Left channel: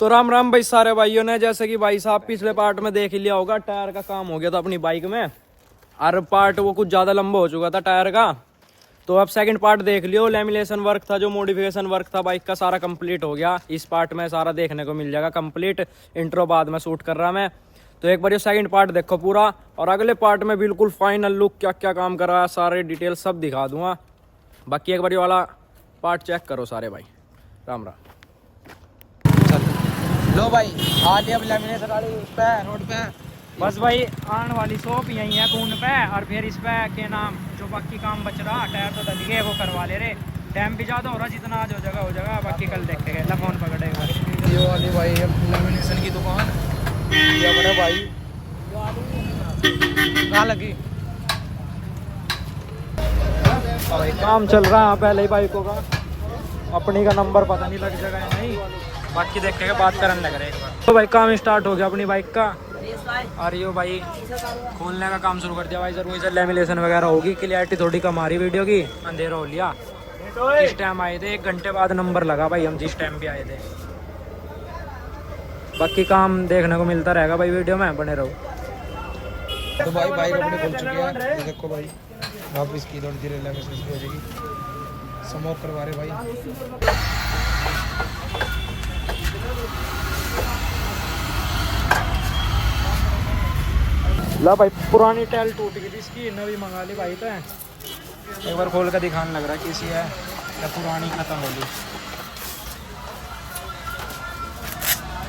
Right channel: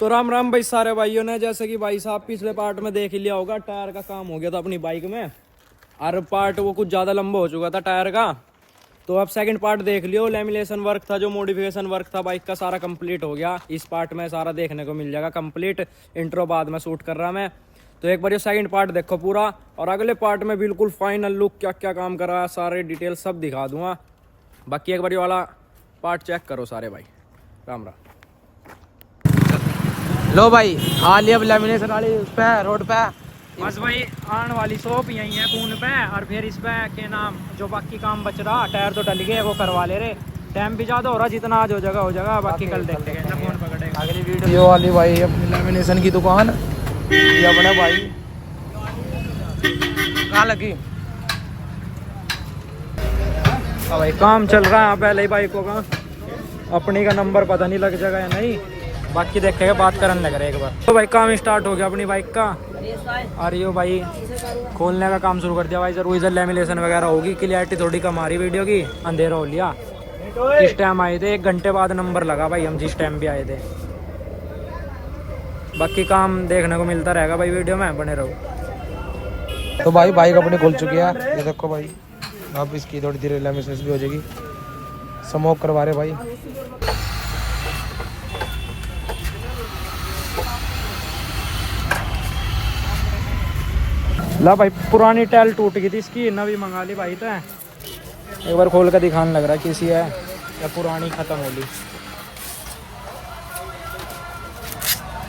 तो राम राम भाई सारे भाइयों ने, जैसे कि भाई साहब पिछले पार्ट में देख ही लिया होगा, टायर का काम हो गया था अपनी बाइक में। और पार्ट वो कुछ ज़्यादा लंबा हो चुका था टायर का। तो अब सेकंड पार्ट देख लियो। लेमिनेशन वर्क था, जो मॉडिफिकेशन वर्क था बाइक का, सारा कंप्लीट हो गया। इस पार्ट में सारा देखने को मिल जाएगा कंप्लीट। इंट्रो बाद में शूट कर रहा मैं, तो एक बार ये सेकंड पार्ट देखो पूरा। और अगले पार्ट में बिल्कुल फाइनल लुक, क्या क्या काम करा, सारे डिटेल सब दिखा दूंगा। बाकी एक बार ये वाला पार्ट चेक करो सारे भाई। राम राम। लो भाई आ लिया लेमिनेशन वाली उस पे रोड पे। बस भाई आने वाली शॉप यही है कून पे। और फिर इस पे के नाम जो बाकी काम बच रहा, टायर तो डल गए, वो करवा ले रहे। टाइम भी ज़्यादा हो रहा, जितना आज हो जाएगा, बाकी कल देखेंगे ना, फोन पकड़ेगा। ये वाली भाई अपनी लेमिनेशन की दुकान, ये अपना भाई कहाँ लगी। अब भाई काम चल रहा है पहले ही बाइकों का। अपनी का नंबर पता नहीं लग जाएगा या नहीं, बाकी देखेंगे, बात करने लग रहे एक बार। तो भाई काम स्टार्ट हो गया अपनी बाइक का। और ये भाई खोलने का काम शुरू कर दिया भाई। जरूर इधर लेमिनेशन वगैरह होगी, क्लियरिटी थोड़ी कम आ रही वीडियो की, अंधेरा हो लिया। किस टाइम आए थे, 1 घंटे बाद नंबर लगा भाई हम जिस टाइम भी आए थे। बाकी काम देखने को मिलता रहेगा भाई, वीडियो में बने रहो। तो भाई बाइक अपनी खुल चुकी है, ये देखो भाई। अब इसकी थोड़ी देर लेमिनेशन भी हो जाएगी। स्मोक करवा रहे भाई। ला भाई पुरानी टाइल टूट गई थी इसकी, नवी मंगा ली भाई। तो एक बार खोल कर दिखाने लग रहा है किसी है या पुरानी खत्म होगी।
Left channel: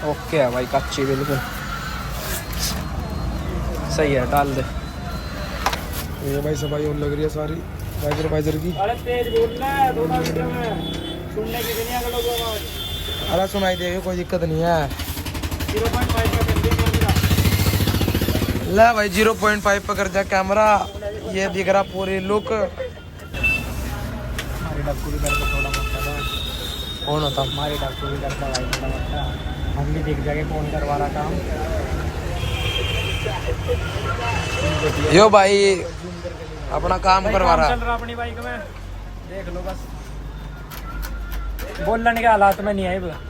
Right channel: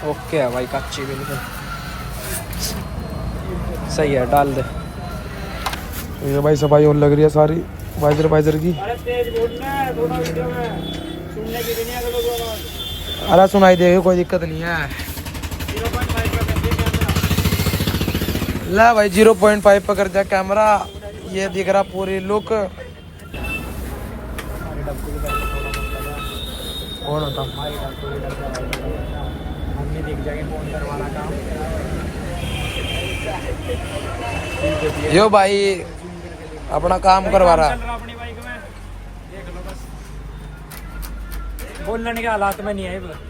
ओके है भाई, कच्ची बिल्कुल सही है, डाल दे। ये भाई सफाई और लग रही है सारी वाइजर की। अरे सुनाई देगी, कोई दिक्कत नहीं है। ला भाई 0.5 पकड़ दिया कैमरा, ये दिख रहा पूरी लुक। कौन होता यो भाई अपना काम करवा रहा। अपनी बाइक में देख लो बस। बोलने के हालात में नहीं है,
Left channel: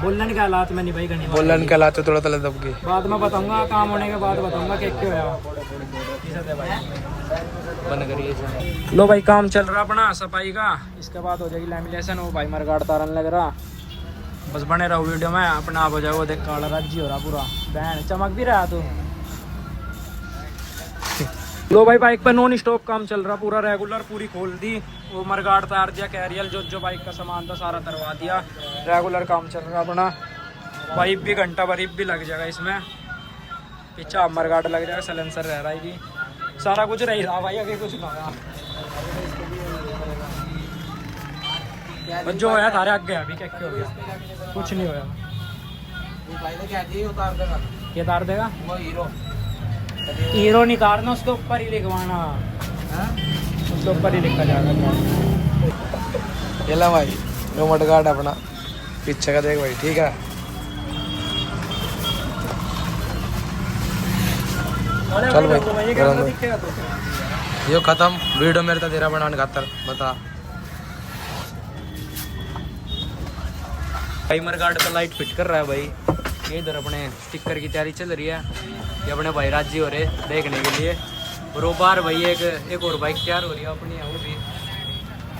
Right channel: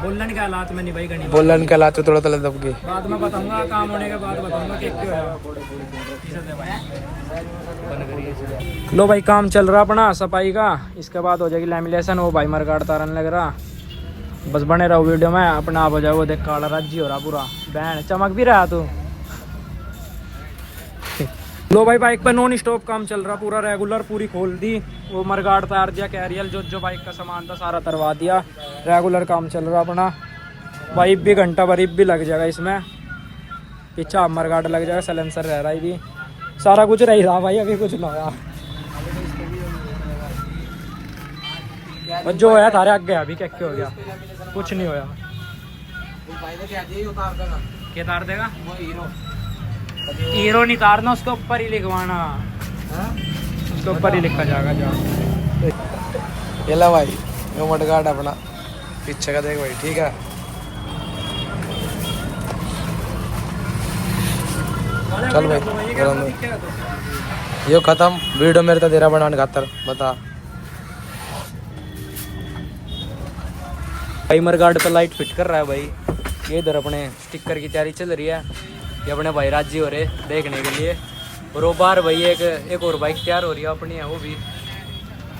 बोलने के हालात में नहीं भाई। घनी बोलन के लाते थोड़ा तले दब के बाद में बताऊंगा, काम होने के बाद बताऊंगा कि क्यों है। लो भाई काम चल रहा अपना सफाई का, इसके बाद हो जाएगी लेमिनेशन। वो भाई मरगाड़ तारन लग रहा। बस बने रहो वीडियो में, अपना आप हो जाए। वो देख काला राज्जी हो रहा पूरा, बहन चमक भी रहा तू। लो भाई बाइक पे नॉन स्टॉप काम चल रहा पूरा रेगुलर, पूरी खोल दी। वो मरगाड़ तार दिया, कैरियल जो बाइक का सामान था सारा तरवा दिया। रेगुलर काम चल रहा अपना। वाइप भी घंटा वरीब भी लग जाएगा इसमें, पीछा मरगाड़ लग जाएगा, सलेंसर रह रहा है भी, सारा कुछ रह रहा भाई। अभी कुछ लगा बस जो होया थारे आगे अभी क्या क्या हो गया, कुछ नहीं होया। क्या तार देगा? हीरो नहीं तारना, उसके ऊपर ही लिखवाना, उसके ऊपर ही लिखा जाएगा जो। ये ला भाई यो मडगार्ड अपना पीछे का देख भाई, ठीक है। चल भाई यो खत्म वीडियो मेरे तो तेरा बनाने खातर बता। भाई मरगाड़ पे लाइट फिट कर रहा है भाई। ये इधर अपने स्टिकर की तैयारी चल रही है। ये अपने भाई राजी हो रहे देखने के लिए। और वो बाहर भाई एक और बाइक तैयार हो रही है अपनी है वो भी।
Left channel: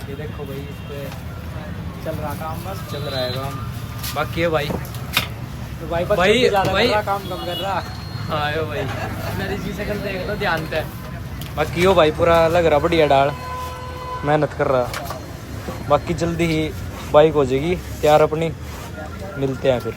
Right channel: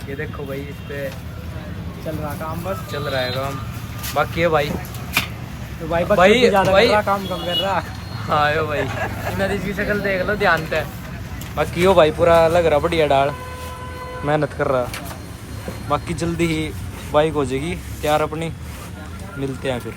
ये देखो भाई, इस पे चल रहा काम, बस चल रहा है काम। बाकी है भाई भाई हाँ यो भाई मेरी इसकी शक्ल देख लो ध्यान से। बाकी यो भाई पूरा लग रहा बढ़िया डाल, मेहनत कर रहा। बाकी जल्दी ही बाइक हो जाएगी तैयार अपनी, मिलते हैं फिर।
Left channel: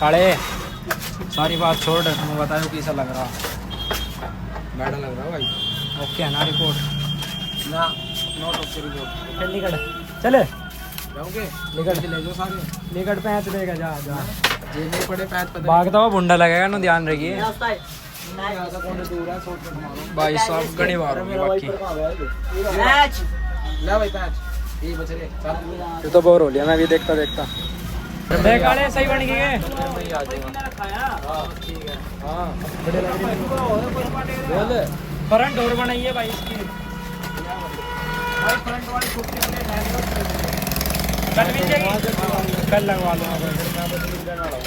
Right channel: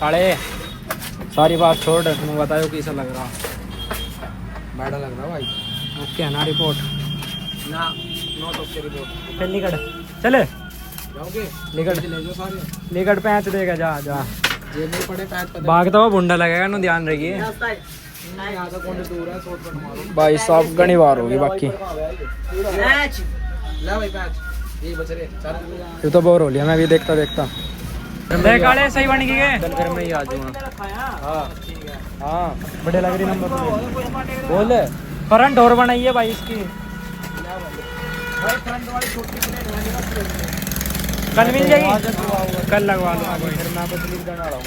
काले सारी बात छोड़, तुम बताओ कैसा लग रहा। बैठा लग रहा भाई। ओके है ना रिपोर्ट? ना नॉट ओके रिपोर्ट। चल निकट चले जाओगे निकट ले जाओ सारे। निकट पैंच देगा जा जा। जेब में पड़े पैच पता भागता हुआ बुंडा लगेगा ना, ध्यान रखिए। नहीं आता कौन दूर है, शॉर्ट कट मारो। भाई साहब घनी बार होगी बाकी। पैच ले भाई पैच ये बच रहे चल। ये तो बोर हो गया ना ये देखता देखता। देख काले सही बन गई है, बड़े लग रही है। फ्रंट और बनाई है भाई इसकी, फ्रंट वाली छोटी कल मिल जाएगी, कल लगवा लूँगा भाई।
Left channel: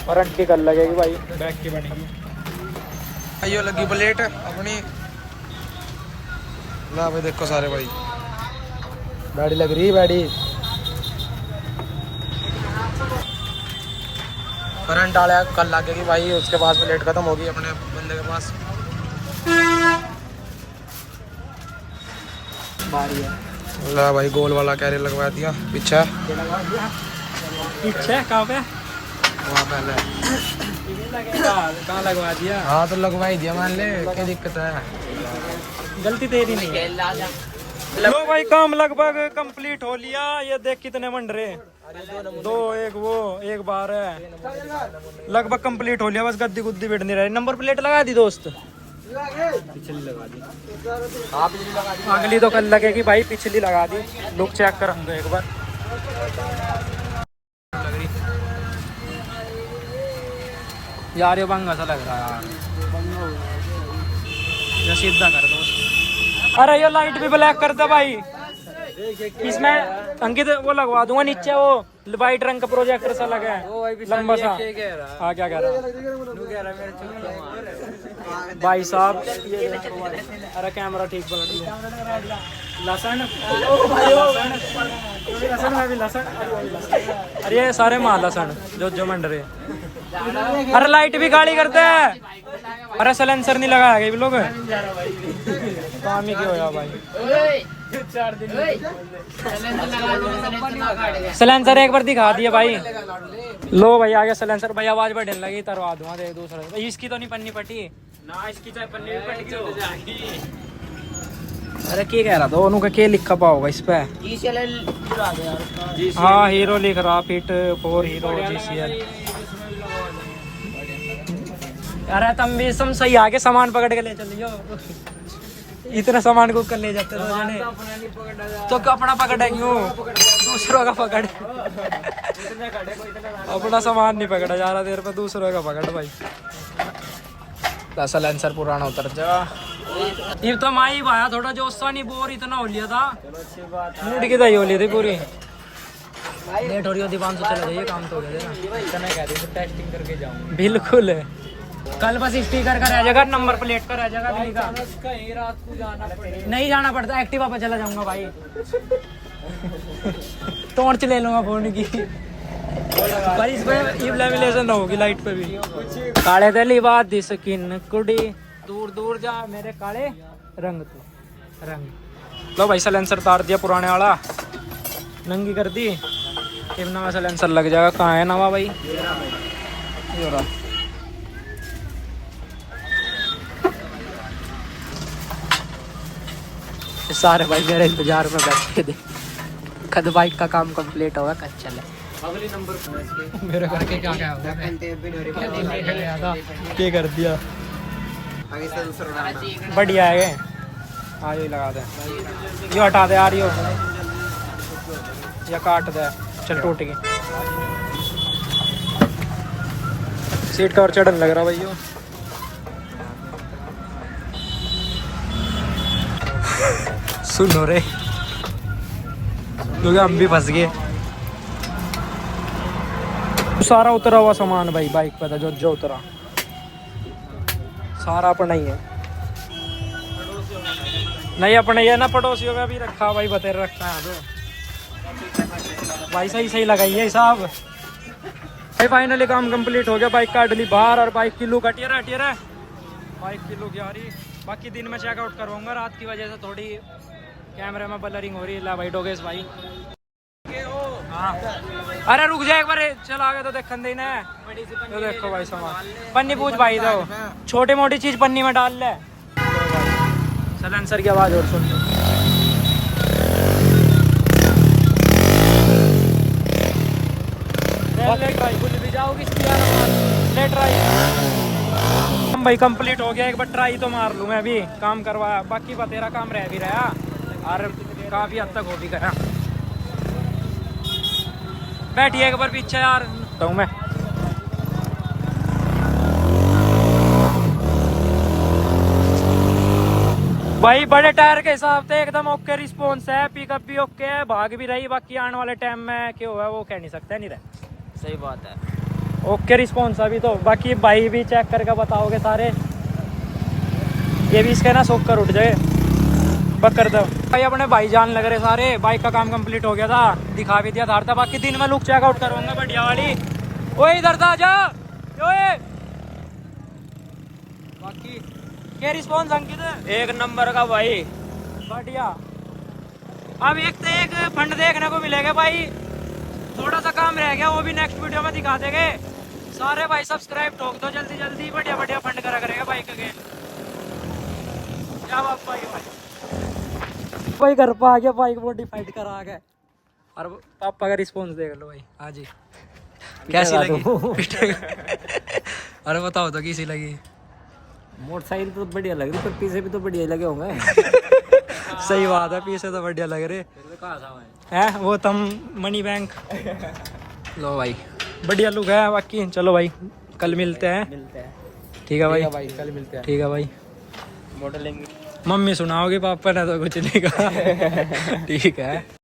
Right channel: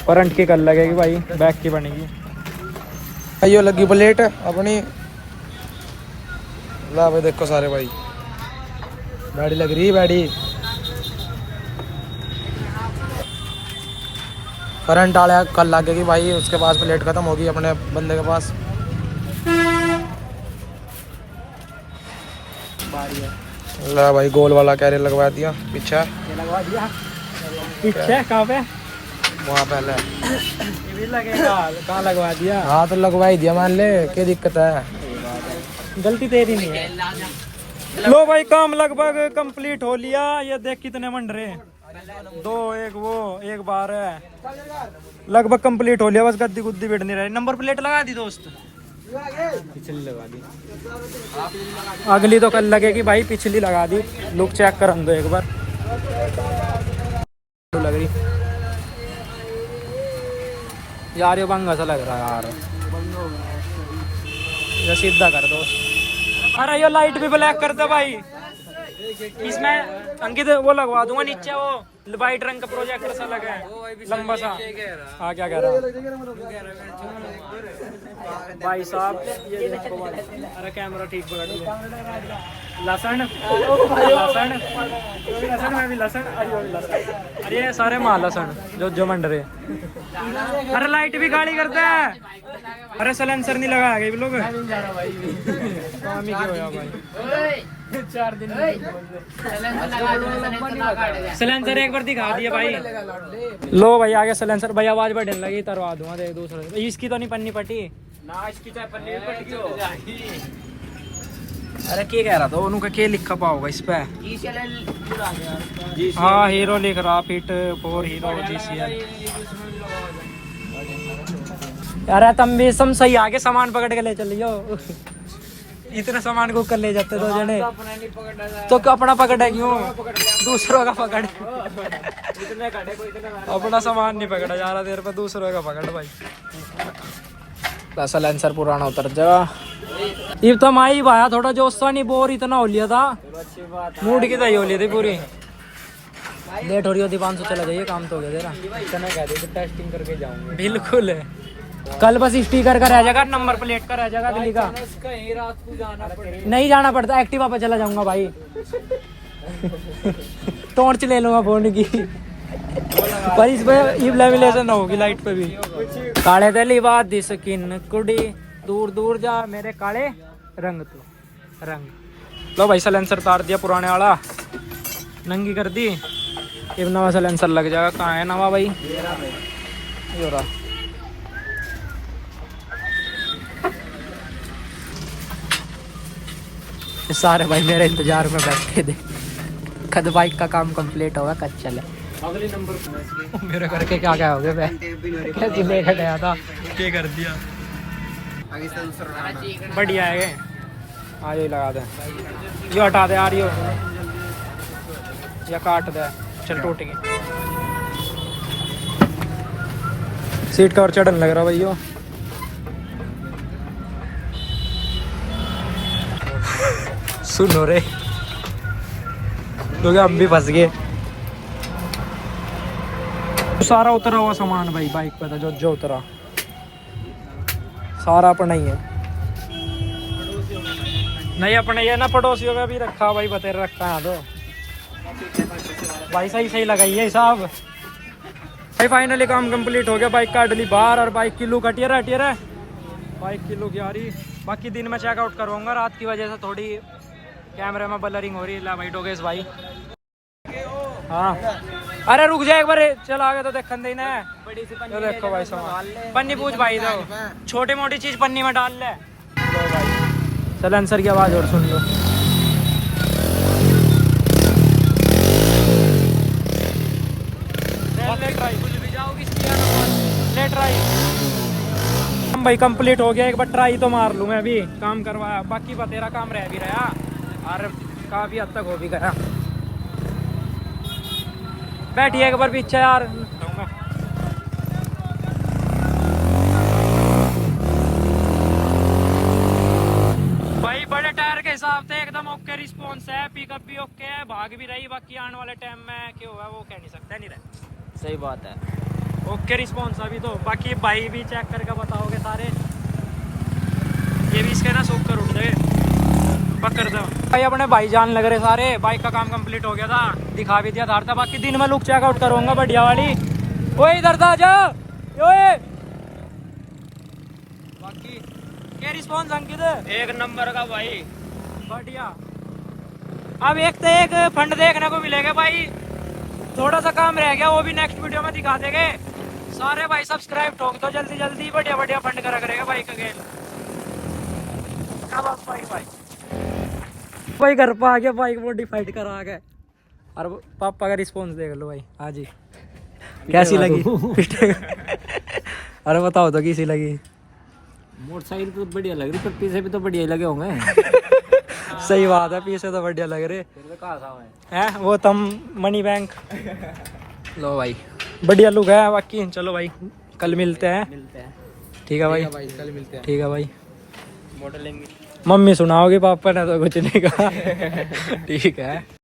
फ्रंट की कल लगेगी भाई, बैक की बनेगी। ये लगी प्लेट अपनी। ला भाई देखो सारे भाई, बैडी लग रही है बैडी। करंट वाला कल लगेगी भाई। इसके पास प्लेट खत्म होगी अपने बंदे के पास। बारी है। ला भाई गोल वाला कैरियर लगवा दिया पीछे। ये लगवा दिया पीछे कहाँ पे? वहाँ पहले लगेगा कहाँ लगवा दिया? हाँ तो लगवा ही दिया मान ले, क्या दिक्कत है? गलती तेरी नहीं है। लो भाई काम लगभग कंप्लीट हो लिया। ये देख कितने मंड रहे, 2 1 वो 1 बार है, लगभग कंप्लीट हो लिया। बस गद्दी गुद्दी बैठ नहीं रही। नंबर प्लेट लगा दी दोस्त, पिछली लगा दी। अगली तो कल लगेगी भाई, पिछली लगा दी। लुक चेक कर हम दो एक बार, लग रही यार। ये बंगा सा लग रहा है यार, ये सीधा कर दोस्त। अरे ये लाइट भी ब्लैक करता भाई। इसमें अंकित वो लगवा दूंगा नीचे, वो वाइट रंग का प्रोजेक्टर सा लगा है लंबा सा। हाँ क्या कह रहा भाई साहब? ये देखो भाई, अरे कैमरा ठीक पकड़ दिया। लहसुन लहसुन लहसुन में भी लहसुन। अरे ये सारे माल लहसुन जो मंड रहे। अरे लाइट भी गाड़ी करते है। अरे सलेंसर नहीं लगाया गया लोग, काम ही क्यों होया भाई। सलेंसर एक बार दिखा दिया भाई। लो भाई आ गया सलेंसर भाई। आवाज बढ़ने लगी, तरवा दूंगा एक दूसरे। इसकी तो नहीं पन्नी पटी ना, इसकी चाहे पन्नी पटी। अरे क्या कह रहा था उनका, क्या लिखा पाओगा इस पे? हाँ हीरो लिख रहा, फिट 4 हीरो GCL। अरे तुम भी सम सही आगे सामान पकड़ के ले चलियो। इतना सामान को कर ले जाते 2 जने तो अपना पकड़ है क्यों, दूसरों का पकड़। अपना सामान नहीं पकड़ा जा रहा देर पे, दूसरों का पकड़ भाई। सलेंसर पुराना उतर जा। ये तो माई भाया थोड़ा जोस्ता नहीं, बोर इतना हो लिया था, मूड की दही हो ली थी पूरी। लेट हो रही होती 500 चला जाइए, काम तो हो गया तेरा। टेस्टिंग करके जाऊंगा बिल्कुल। कल बस स्पीकर का रह जाएगा, नंबर प्लेट का रह जाएगा दिल्ली का। नहीं जाना पड़ता, एक्टिवा पे चला जाऊंगा भाई। टॉर्च ले लूंगा फोन की भाई। इस पे लैमिनेशन होगी लाइट पे भी। काले दिली बात दी स्किन कुड़ी, दूर दूर जा मेरे काले रंग तो रंग। लो भाई सलेंसर तार दिया पुराने वाला, नंगी कर दी। ये नवा सलेंसर लग जाएगा। कहाँ है नवा भाई? ये हो रहा। तो सारे मेरे इंतजार में बैठे थे, कद बाइक का काम कंप्लीट होगा, कद चले। अगली नंबर मेरे करके क्या क्या हो गया? कैसे देखा गया था, क्या कर दिया। बढ़िया है ये, हाँ ये लगा दे, ये हटा दे यार, या काट दे। चल टूट गई सीट का और चढ़न लग रहा भैया। सुनो रे लोग, हम भी फंस गए। सारा उतरा हुआ सामान भाई बाइक पर था, जो उतरा सारा अपना ही है। नहीं अपने ये ना पड़ोसियों का भी रखा भाई, बतेर रखता है तो भाई। सही लगाई है हिसाब। फाइनली काम कंप्लीट हो गया, बाइक काट ली बाहर और बाइक की लुक हटिया है। बाइक की लुक यारी। बाकी दिन में चेकआउट करवाऊंगा, रात की वजह से थोड़ी कैमरे में ब्लरिंग हो रही है। ला भाई डोगेश भाई, हाँ अरे रुक जा एक बार, चल आगे तो देखन देना है। तो देखो भाई सामान, पन्नी पूछ भाई, दो छोटी मोटी चीज पन्नी में डाल ले। लो भाई सलेंसर की आवाज सुनियो। ले ट्राई, कुछ भी जाओगी ले ट्राई भाई, कंप्लीट हो गया। एक बार ट्राई तो मार लूँ मैं भी, काम करवाया, बाकी तेरा काम रह भी रहा और काफी हद तक हो भी गया। बैठिए एक बार पीछे यार, तो मैं भाई बड़े टायर के हिसाब से एकदम ओके रिस्पॉन्स है, पिकअप भी ओके है, भाग भी रही। बाकी आने वाले टाइम में क्या हुआ वो कह नहीं सकता, नहीं रहे। सही बात है, ओके रिस्पॉन्स अभी तो। बाकी भाई भी चेक करके बताओगे सारे, ये भी इसका ना सोख कर उठ जाए बकर दो भाई। अपने भाई जान लग रहे सारे, बाइक का काम कंप्लीट हो गया था, दिखा भी दिया था। बाकी दिन में लुक चेकआउट करूंगा बढ़िया वाली। ओए इधर था जा, ओए बाकी क्या रिस्पॉन्स अंकित? एक नंबर का भाई, बढ़िया। अब एक तो एक फंड देखने को मिलेगा भाई, थोड़ा सा काम रह गया, वो भी नेक्स्ट वीडियो में दिखा देंगे। सारे भाई सब्सक्राइब ठोक दो जल्दी जल्दी, बढ़िया बढ़िया फंड करा करेगा बाइक का गेट। क्या बात भाई घर पर आ गया, बाइक मॉडिफाइड करा आ गए। और पापा का रिस्पॉन्स देख लो भाई। हाँ जी, कैसी लगी? अरे बताओ तो कैसी लगी? मोटरसाइकिल तो बढ़िया लग रही, पर पीछे भी तो बढ़िया लगे होंगे। सही बात है, पीछे तो बढ़िया लग रहे हैं। वो तुम मनी बैंक। लो भाई बढ़िया लुक है। बाकी चलो भाई कल मिलते हैं। ठीक है भाई, कल मिलते हैं। ठीक है भाई। मॉडलिंग मम्मी सुनाओगे, पापा ने तो कुछ नहीं कहा। ठीक है।